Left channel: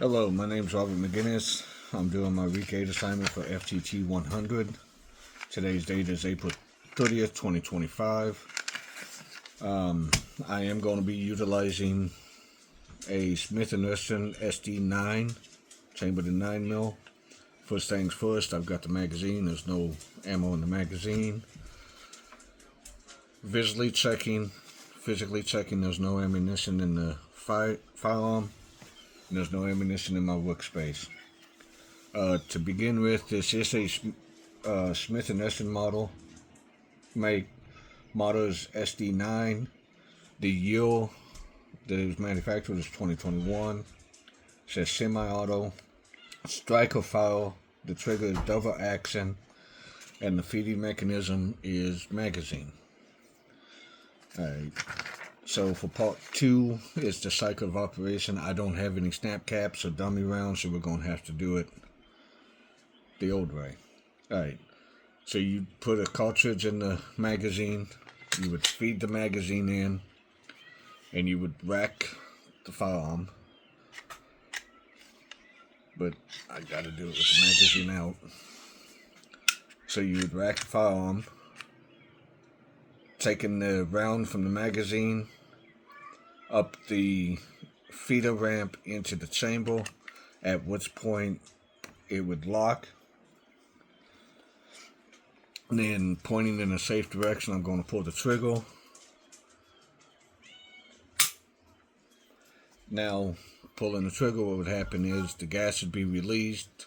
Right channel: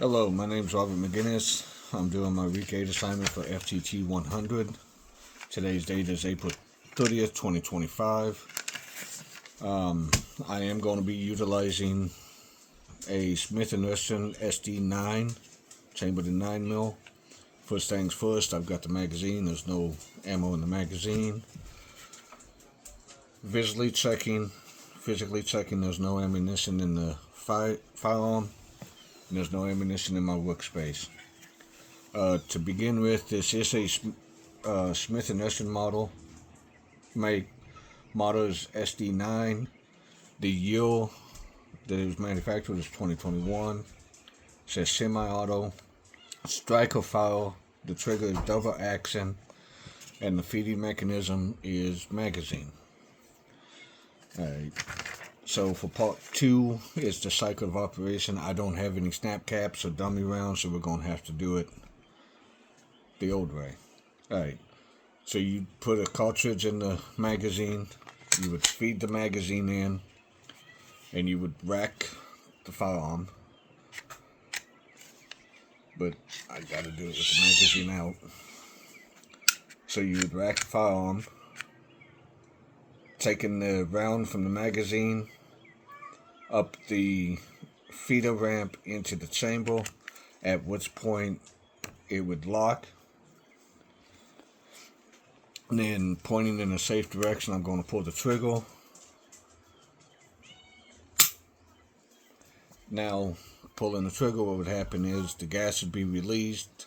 Hello, my name is Robert McGinnis. I'm doing my week 8 assignment for Ftt100. Today's date is April 30th, 2025. I am going to be utilizing a Smith & Wesson SD9, chambered in 9mm. First things first, I've got the magazine. There's no ammo in the magazine. Physically checking, there's no ammunition in the firearm. And there's no ammunition in my workspace. To begin with, this is a Smith & Wesson model. My model is SD9. The year that it was manufactured is 2021. It says semi-auto. Striker fire. The trigger is double action. And the feeding mechanism is magazine. Alright. So for part 2 is the cycle of operation. I don't have any snap caps or dummy rounds, so we're going to have to do it the old way. Alright, so you put a cartridge in the magazine, you would feed the magazine in, and you would rack the firearm. But I got to do it with the magazine out. So you would rack the firearm, taking the round from the magazine up the feeder ramp into the chamber, at which point it would lock. And then pointing in a safe direction, I'm going to pull the trigger. Now, pulling the trigger, what would happen is the gas would be released,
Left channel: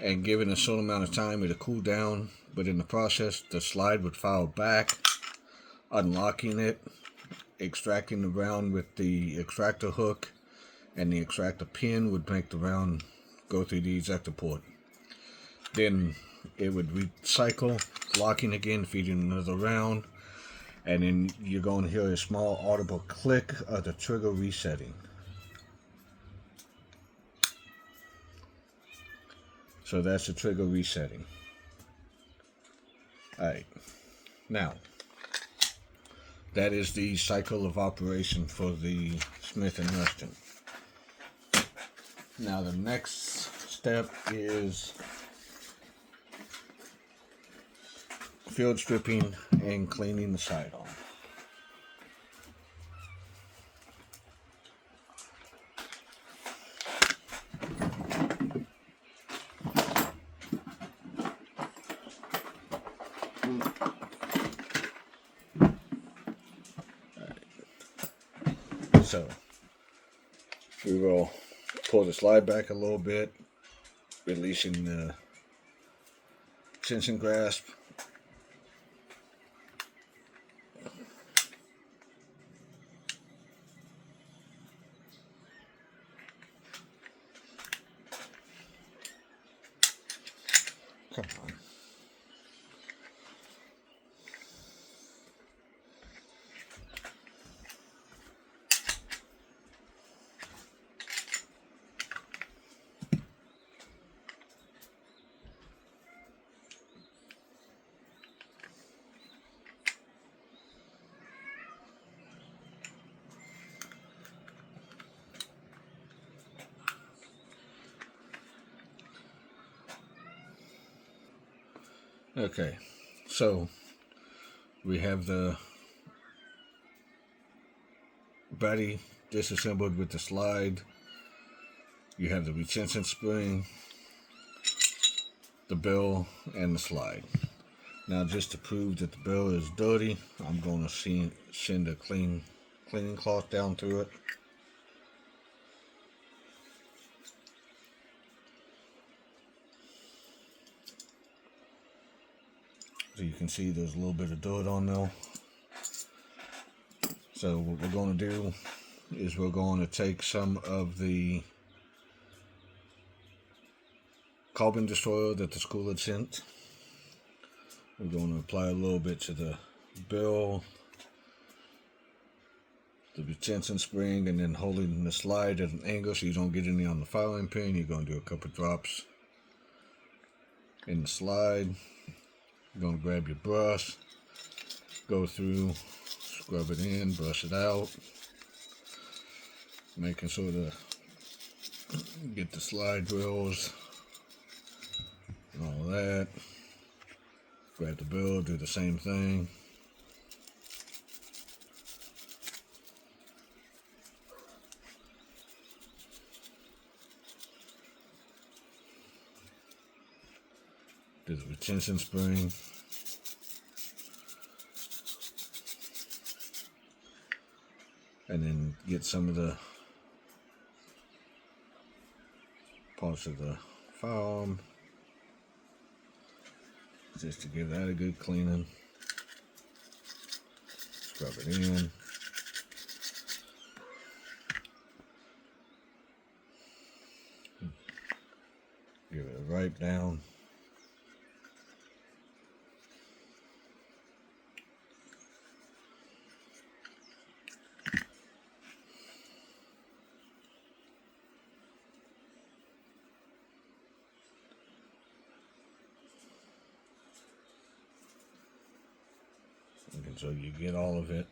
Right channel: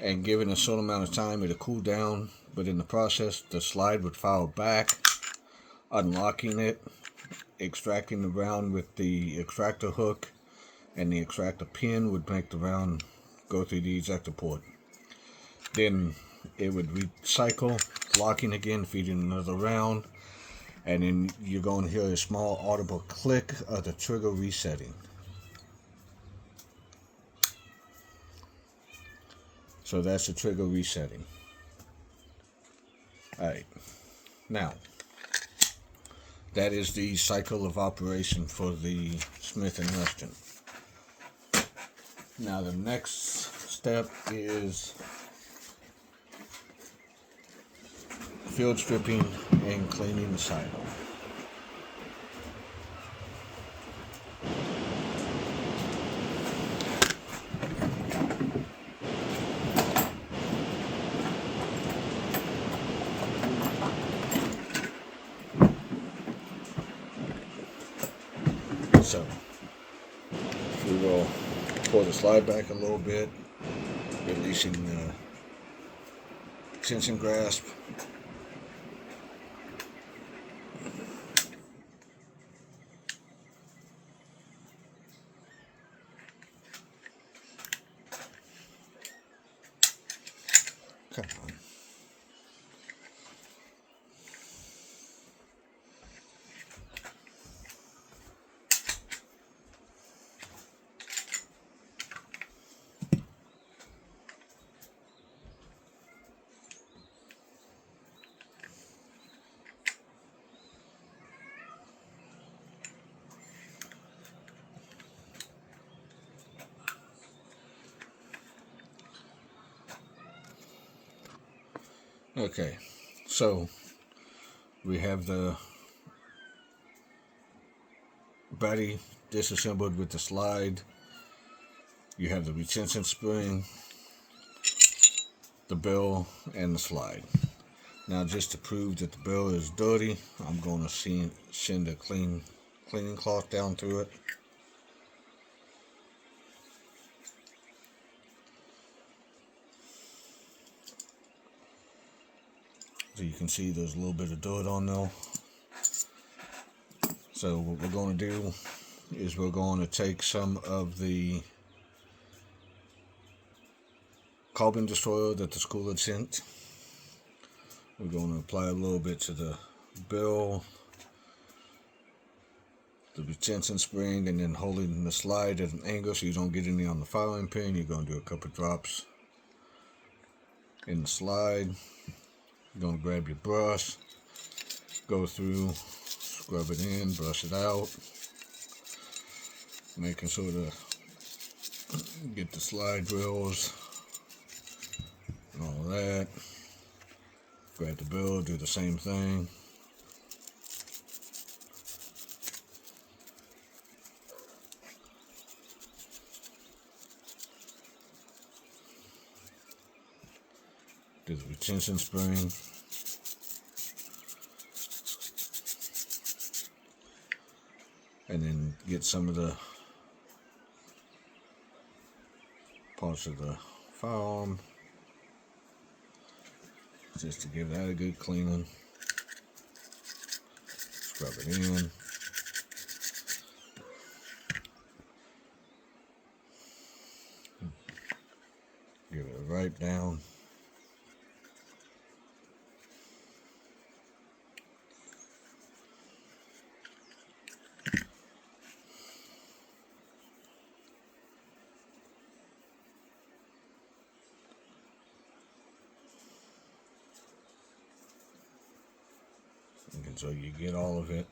and given a certain amount of time, it'll cool down. But in the process, the slide would fire back, unlocking it, extracting the round with the extractor hook, and the extractor pin would make the round go through the ejector port. Then it would recycle, locking again, feeding another round, and then you're going to hear a small audible click of the trigger resetting. So that's the trigger resetting. Alright, now that is the cycle of operation for the Smith & Wesson. Now the next step is field stripping and cleaning the sidearm. So we will pull the slide back a little bit, releasing the tension grasp. Come on. Okay, so we have the body disassembled with the slide. You have the retention spring, the bill, and the slide. Now, just to prove that the bill is dirty, I'm going to send a cleaning cloth down through it. So you can see there's a little bit of dirt on there. So what we're going to do is we're going to take some of the carbon destroyer that the school had sent. We're going to apply a little bit to the bill, the retention spring, and then holding the slide at an angle so you don't get any on the firing pin. You're going to do a couple drops in the slide. You're going to grab your brush, go through, scrub it in, brush it out, making sure the Get the slide wheels and all that. Grab the bill, do the same thing. Do the retention spring. And then get some of the parts of the firearm just to give that a good cleaning. Scrub it in. Give it a wipe down. And so you get all of it.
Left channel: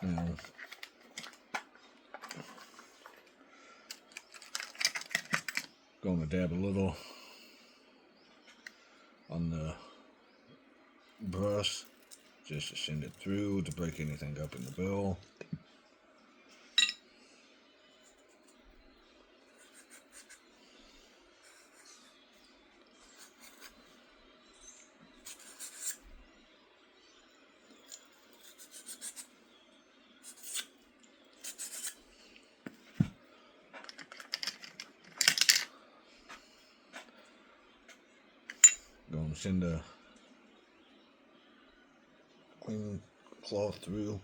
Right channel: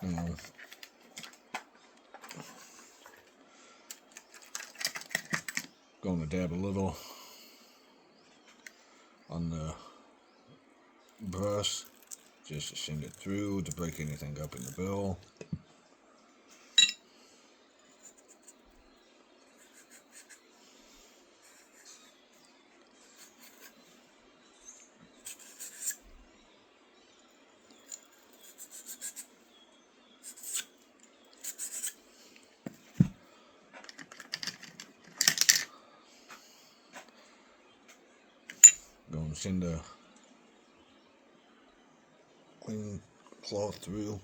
Now, going to dab a little on the brush just to send it through to break anything up in the bill. Going to send a clean cloth through.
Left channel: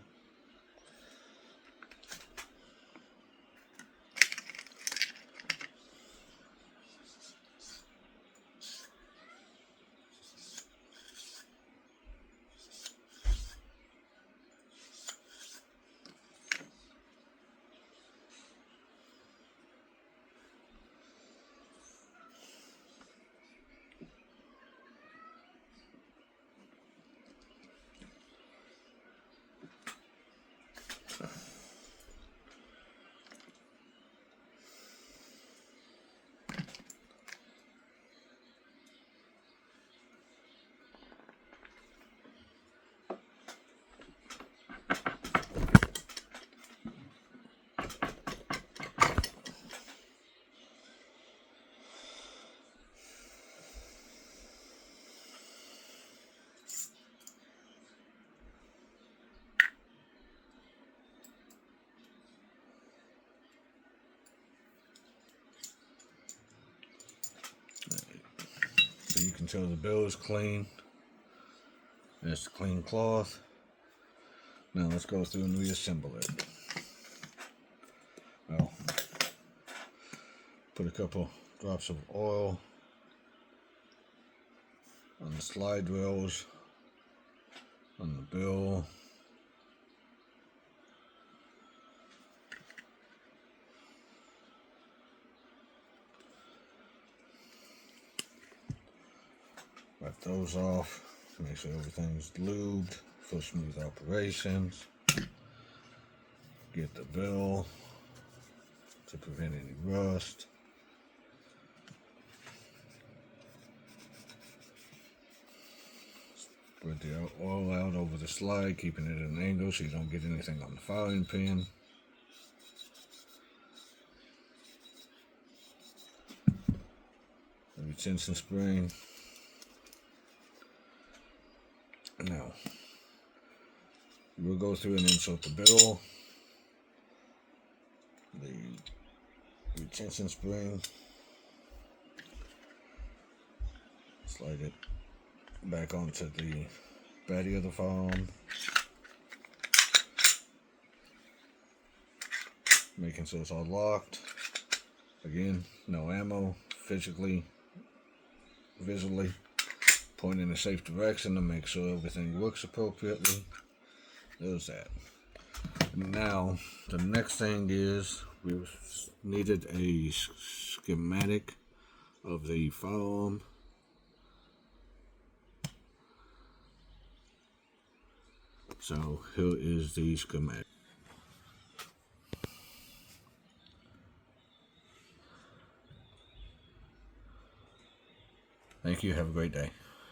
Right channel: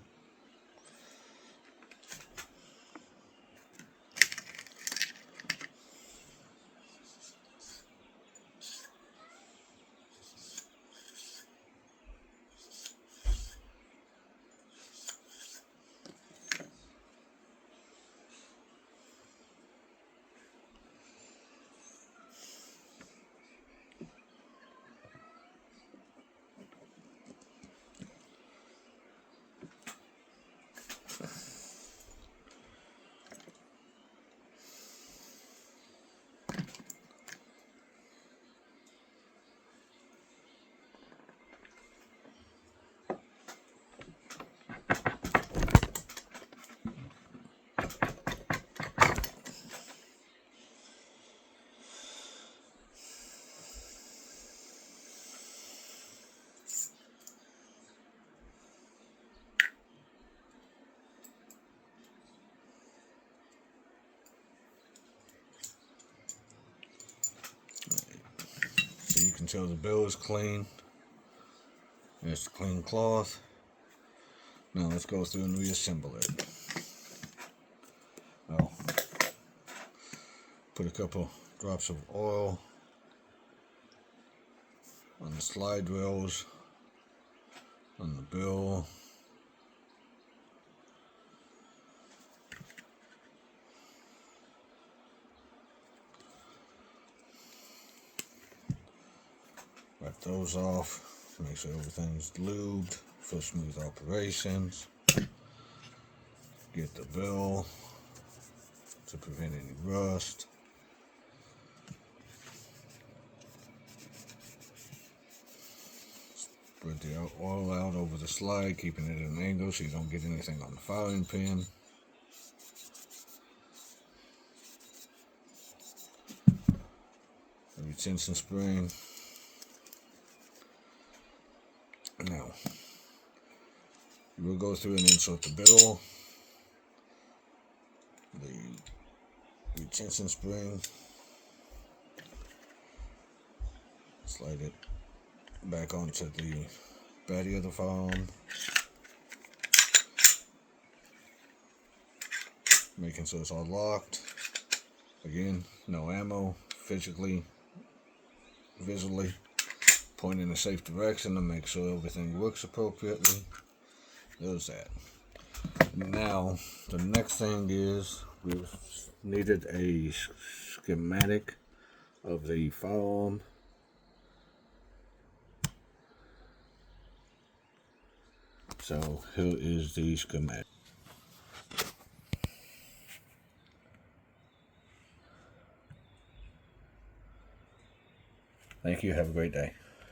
So you can tell the bill is clean. There's the clean cloth. Now let's go through and reassemble it. Well, put a couple drops of oil on the slide rails, on the bill. Wipe those off, make sure everything's lubed for smooth operations. Get the bill to prevent any rust. Spread the oil out over the slide, keeping it at an angle so you don't get anything on the filing pin. The retention spring. Now, you will go through and insert the bill, the retention spring, slide it back onto the body of the firearm, making sure it's all locked. Again, no ammo, visually, point in a safe direction to make sure everything works appropriately. There's that. Now, the next thing is we needed a schematic of the firearm. So here is the schematic. Thank you. Have a great day.